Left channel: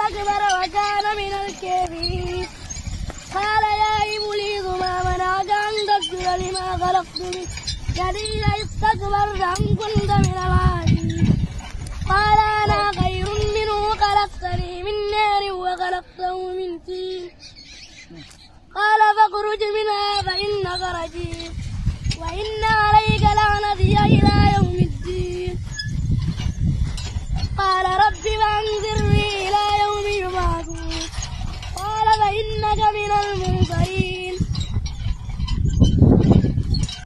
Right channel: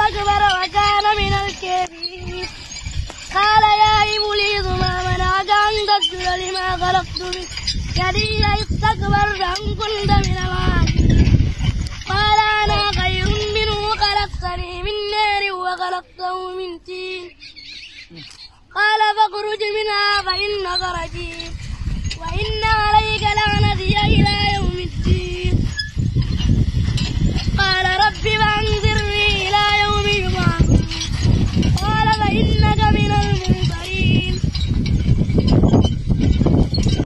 واستكبر وكان من الكافرين قال يا إبليس ما منعك أن تسجد لما خلقت بيدي استكبرت أم كنت من العالين قال أنا خير منه خلقتني من نار وخلقته من طين قال فاخرج منها فإنك رجيم وإن عليك لعنتي إلى يوم